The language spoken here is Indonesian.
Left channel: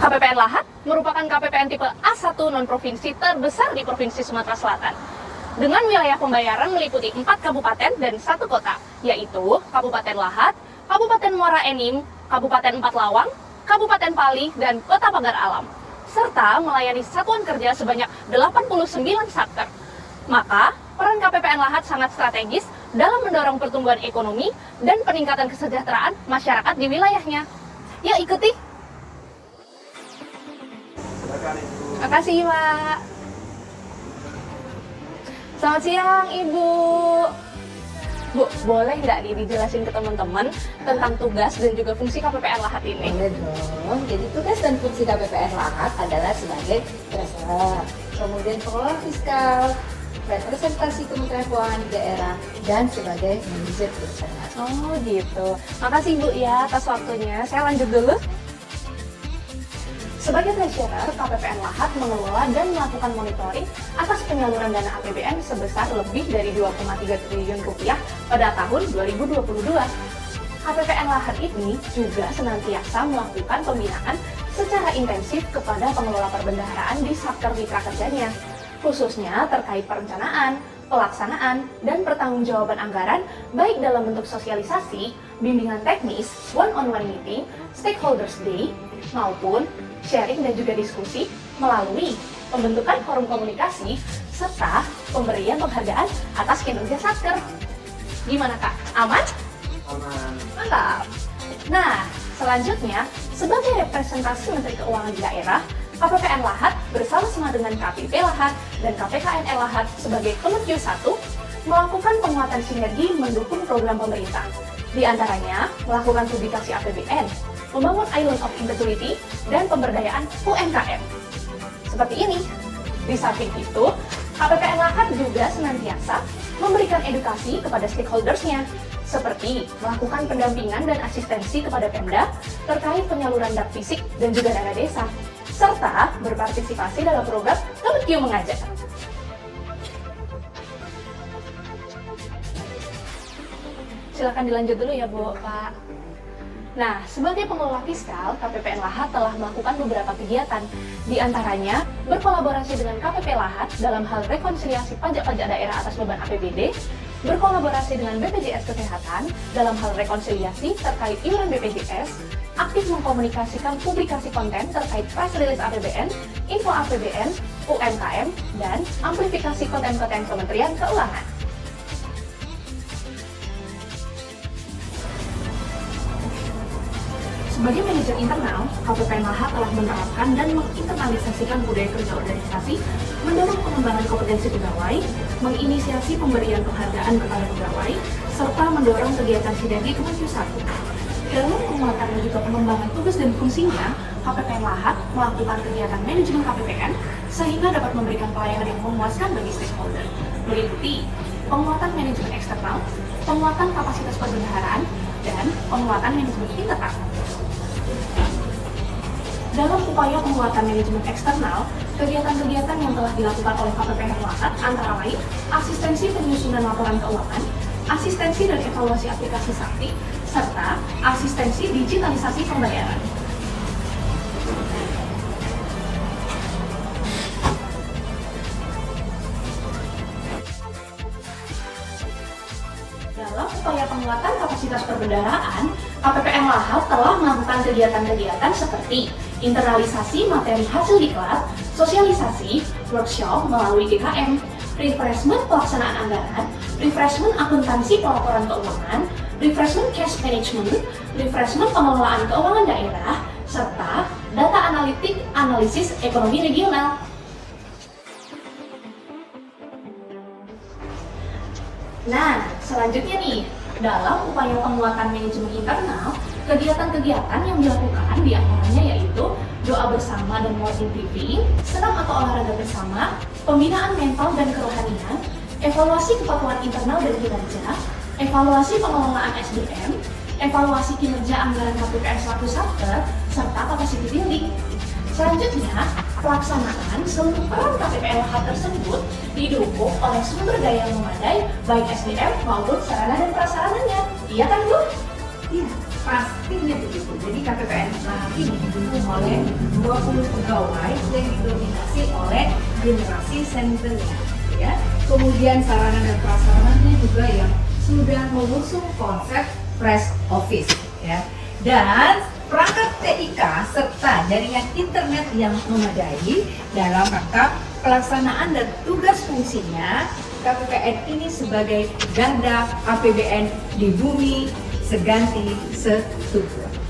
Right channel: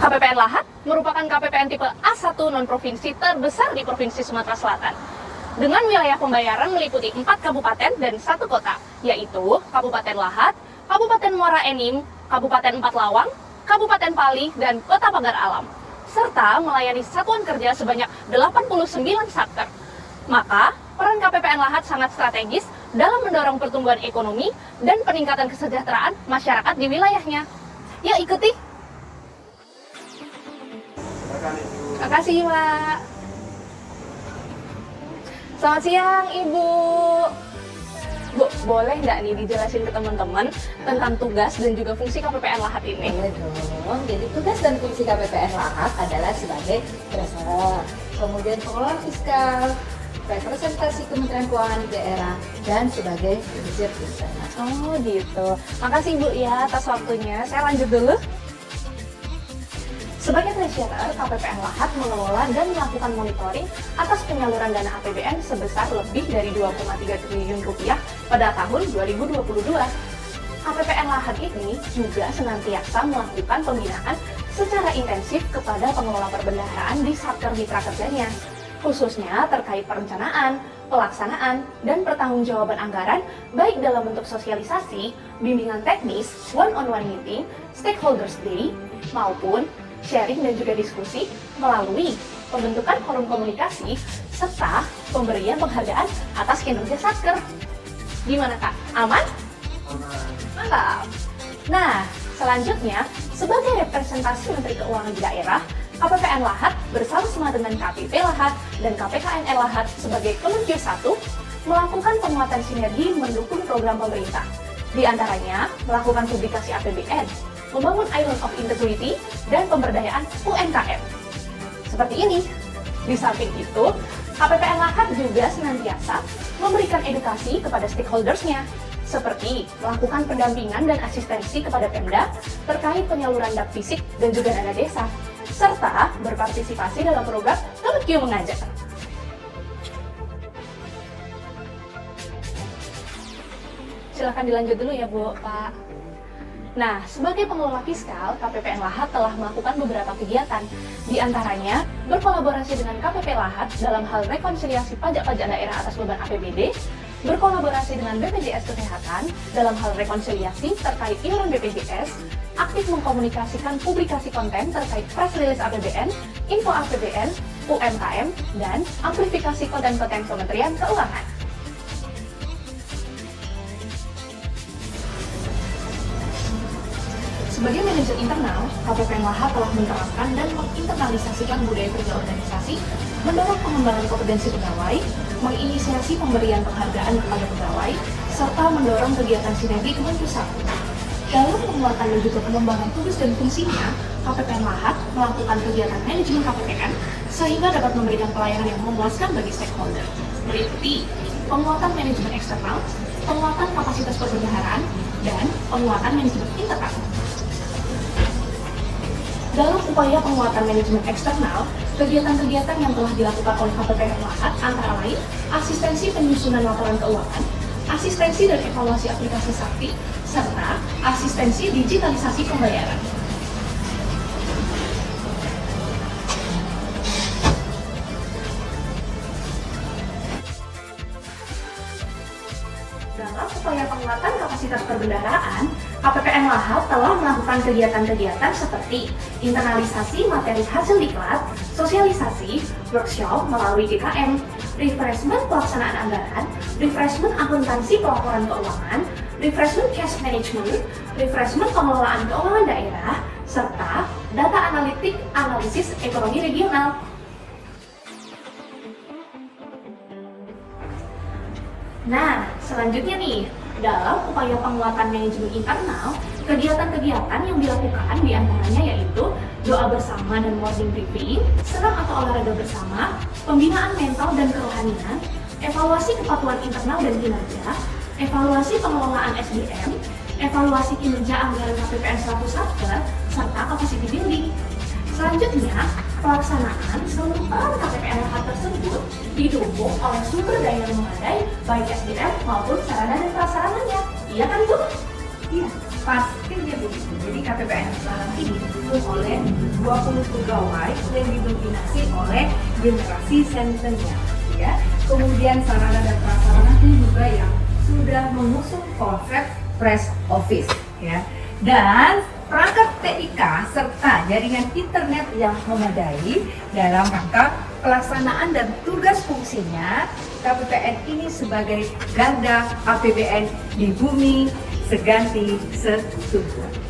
KPPN Lahat merupakan KPPN tipe A1 non-provinsi terbesar di Provinsi Sumatera Selatan. Dengan wilayah pembayaran meliputi 4 kabupaten dan 1 kota, yaitu Kabupaten Lahat, Kabupaten Muara Enim, Kabupaten Empat Lawang, Kabupaten Pali, dan Kota Pagar Alam, serta melayani satuan kerja sebanyak 89 satker. Maka, peran KPPN Lahat sangat strategis dalam mendorong pertumbuhan ekonomi dan peningkatan kesejahteraan masyarakat di wilayahnya. Yuk ikuti! Terima kasih, Pak. Selamat siang, Ibu. Bu, boleh nggak nih dijelasin ke teman-teman tentang tugas dan juga fungsi KPPN Lahat ini? Boleh dong. Jadi tugas dan fungsi KPPN Lahat adalah sebagai treasurer, kemudian pengelola fiskal, representasi Kementerian Keuangan daerah, dan sebagai manajer bencana. Oh gitu. Makasih Bu ya atas waktunya. Saya lanjut dulu. Sebagai treasurer, KPPN Lahat mengelola dan melakukan monitoring atas penyaluran dana APBN sebesar lebih dari 2,3 triliun rupiah pada tahun 2022. KPPN Lahat ini juga senantiasa melakukan pembinaan secara intensif kepada pengelola perbendaharaan di satker mitra kerjanya, khususnya terkait perencanaan, pelaksanaan, dan pertanggungjawaban anggaran baik dalam bentuk sosialisasi, bimbingan teknis, one-on-one meeting, stakeholders day, maupun sharing dan juga diskusi melalui pembentukan forum komunikasi serta pemberian penghargaan atas kinerja satker. Gimana Kak? Aman? Aman. Mantap! Nah, selanjutnya, sebagai representasi Menteri Keuangan di daerah, KPPN Lahat bersama-sama dengan KPP Lahat dan KPKNR Lahat sebagai Kemenkyu 1 melakukan penguatan sinergi mendukung program pemerintah. Di antaranya, melakukan publikasi APBN, membangun Island of Integrity, dan pemberdayaan UMKM. Seperti ini. Di samping itu, KPPN Lahat juga senantiasa memberikan edukasi kepada stakeholders-nya, seperti melakukan pendampingan dan asistensi kepada Pemda terkait penyaluran dak fisik dan juga dana desa, serta berpartisipasi dalam program Kemenkyu Mengajar. Silakan dilanjut dulu ya Bu, Pak. Nah, sebagai pengelola fiskal, KPPN Lahat telah melakukan beberapa kegiatan. Di antaranya, berkolaborasi dengan KPP Lahat dalam hal rekonsiliasi pajak-pajak daerah atas beban APBD, berkolaborasi dengan BPJS Kesehatan dalam hal rekonsiliasi terkait iuran BPJS, aktif mengkomunikasikan publikasi konten terkait press release APBN, info APBN, UMKM, dan amplifikasi konten-konten Kementerian Keuangan. Sebagai manajer internal, KPPN Lahat telah menerapkan dan menginternalisasikan budaya kerja organisasi, mendorong pengembangan kompetensi pegawai, menginisiasi pemberian penghargaan kepada pegawai, serta mendorong kegiatan sinergi Kemenkyu 1. Dalam penguatan dan juga pengembangan tugas dan fungsinya, KPPN Lahat melakukan kegiatan manajemen KPPN sehingga dapat memberikan pelayanan yang memuaskan bagi stakeholder, meliputi penguatan manajemen eksternal, penguatan kapasitas perbendaharaan, dan penguatan manajemen internal. Dalam upaya penguatan manajemen eksternal, kegiatan-kegiatan yang telah dilakukan oleh KPPN Lahat antara lain asistensi penyusunan laporan keuangan, asistensi dan evaluasi aplikasi Sakti, serta asistensi digitalisasi pembayaran. Dalam upaya penguatan kapasitas perbendaharaan, KPPN Lahat telah melakukan kegiatan-kegiatan seperti internalisasi materi hasil diklat, sosialisasi, workshop melalui GKM, refreshment pelaksanaan anggaran, refreshment akuntansi pelaporan keuangan, refreshment cash management, refreshment pengelolaan keuangan daerah, serta data analitik analisis ekonomi regional. Nah, selanjutnya nih, dalam upaya penguatan manajemen internal, kegiatan-kegiatan yang dilakukan diantaranya yaitu doa bersama dan morning briefing, senam atau olahraga bersama, pembinaan mental dan kerohanian, evaluasi kepatuhan internal dan kinerja, evaluasi pengelolaan SDM, evaluasi kinerja anggaran KPPN 1 satker, serta capacity building. Selanjutnya, pelaksanaan seluruh peran KPPN Lahat tersebut didukung oleh sumber daya yang memadai, baik SDM maupun sarana dan prasarananya. Iya kan Bu? Iya. Pastinya begitu. Jadi KPPN nanti didukung oleh 20 pegawai yang didominasi oleh generasi senternya, ya. Kemudian sarana dan prasarananya juga yang sudah mengusung konsep fresh office, ya. Dan perangkat TIK serta jaringan internet yang memadai dalam rangka pelaksanaan dan tugas fungsinya. KPPN ini sebagai garda APBN di bumi seganti setujuan.